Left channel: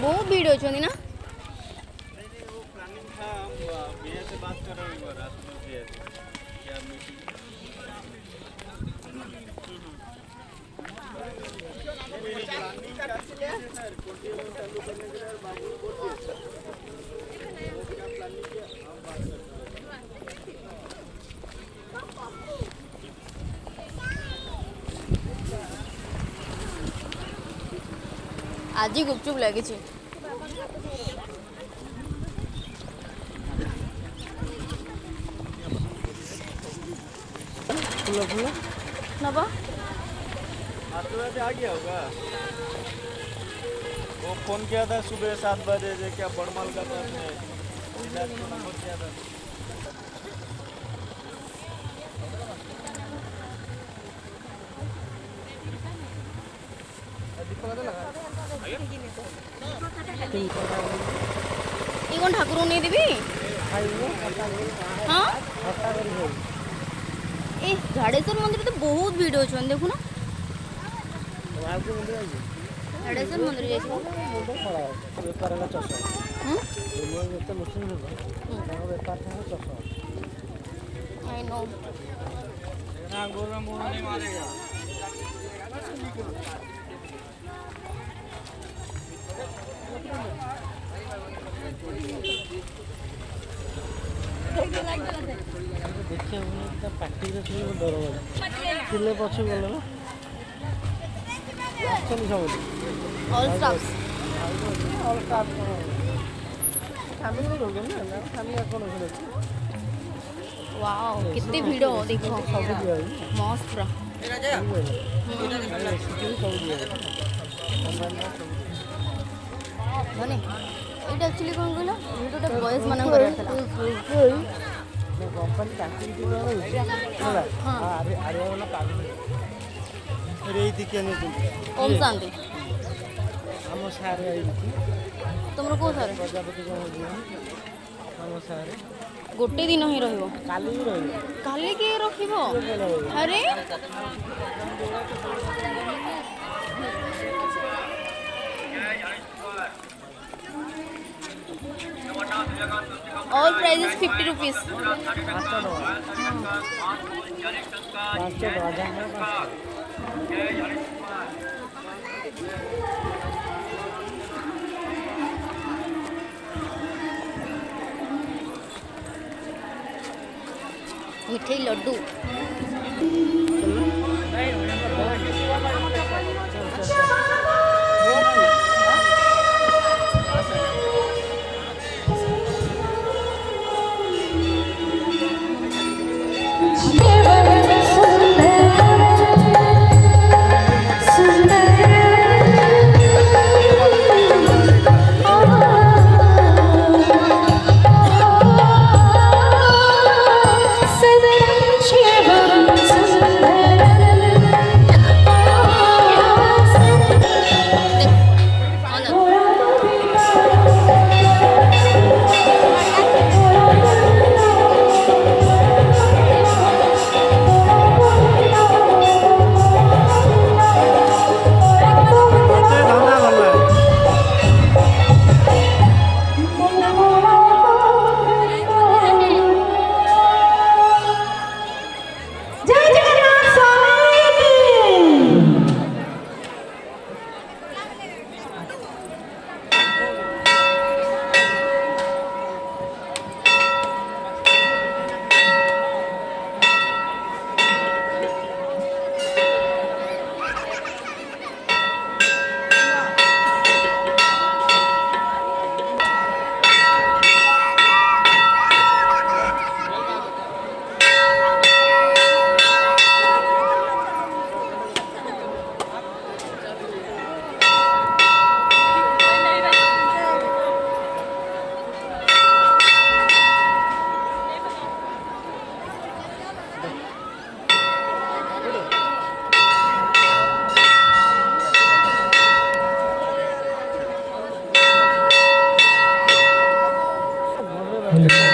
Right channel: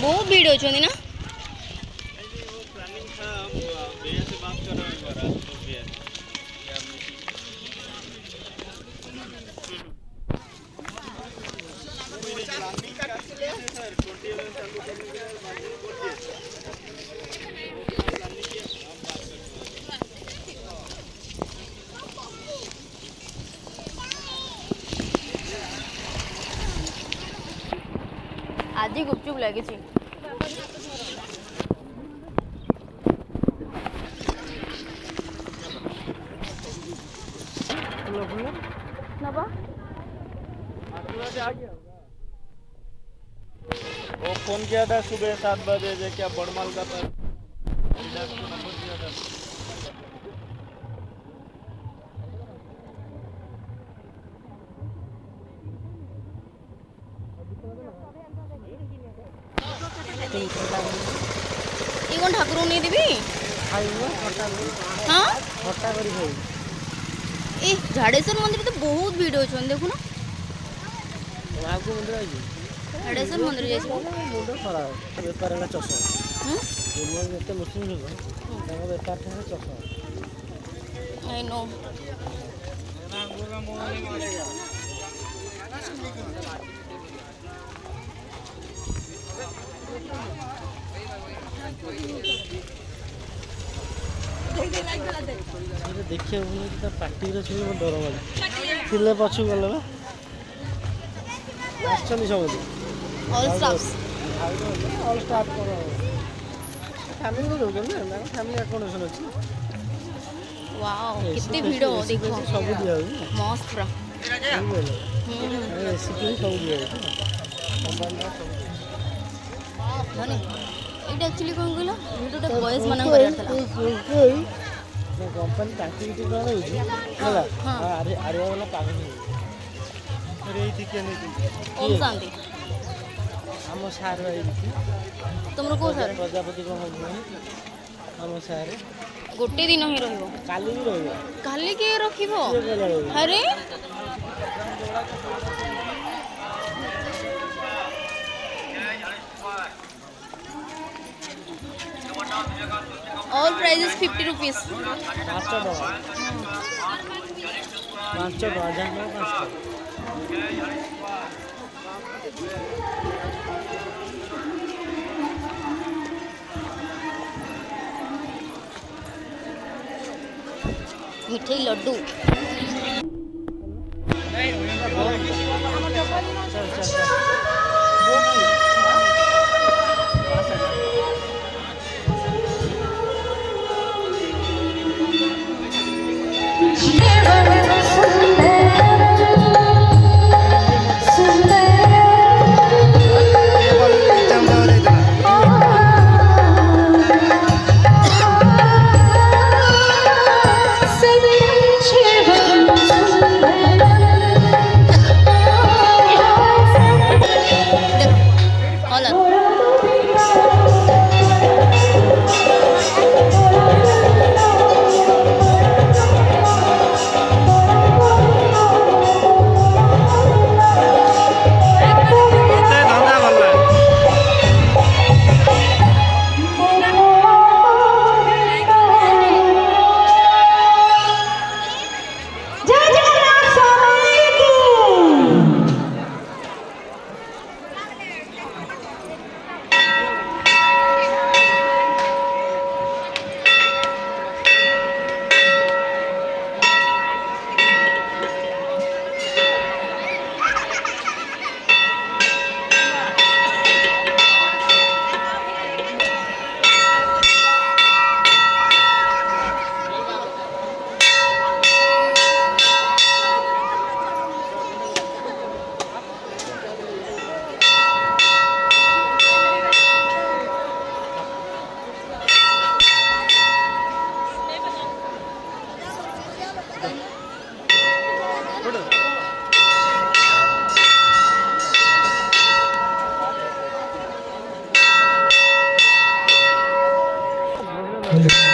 बहुत भीड़ हो ना। आज ही गुपचुप लगी नबा आ गया होगा। वो फोन किया था सुबह 7 बजे जो क्या बड़मल का तो किया था। ये कौन ठाकुर नहीं देवी हाँ ए झाड़ेश्वर मंदिर तो बहुत भीड़ हो देखो ना। झाड़ेश्वर मंदिर आई नो देखिए पार्टी सब डर मारे पछू गल ऑल स्टाफ्स वाओ कितनी भीड़ हो देखो मस्त पूरा धने एटा एक्चुअली कोन कहला वीडियोटा बॉयज मानन कर रहतला कंपनी टांकी हां हां अरे वाला पागल रे दिखे नहीं ओम शांति हम सार भाई तुमरो को सार प्रजापति को हम सार गोटे दिन ही रहिबो काली भी रहिबो काली के रखिबो अरे all prices 50 rupees 5 dollar 5 dollar mithai laddu Thank you.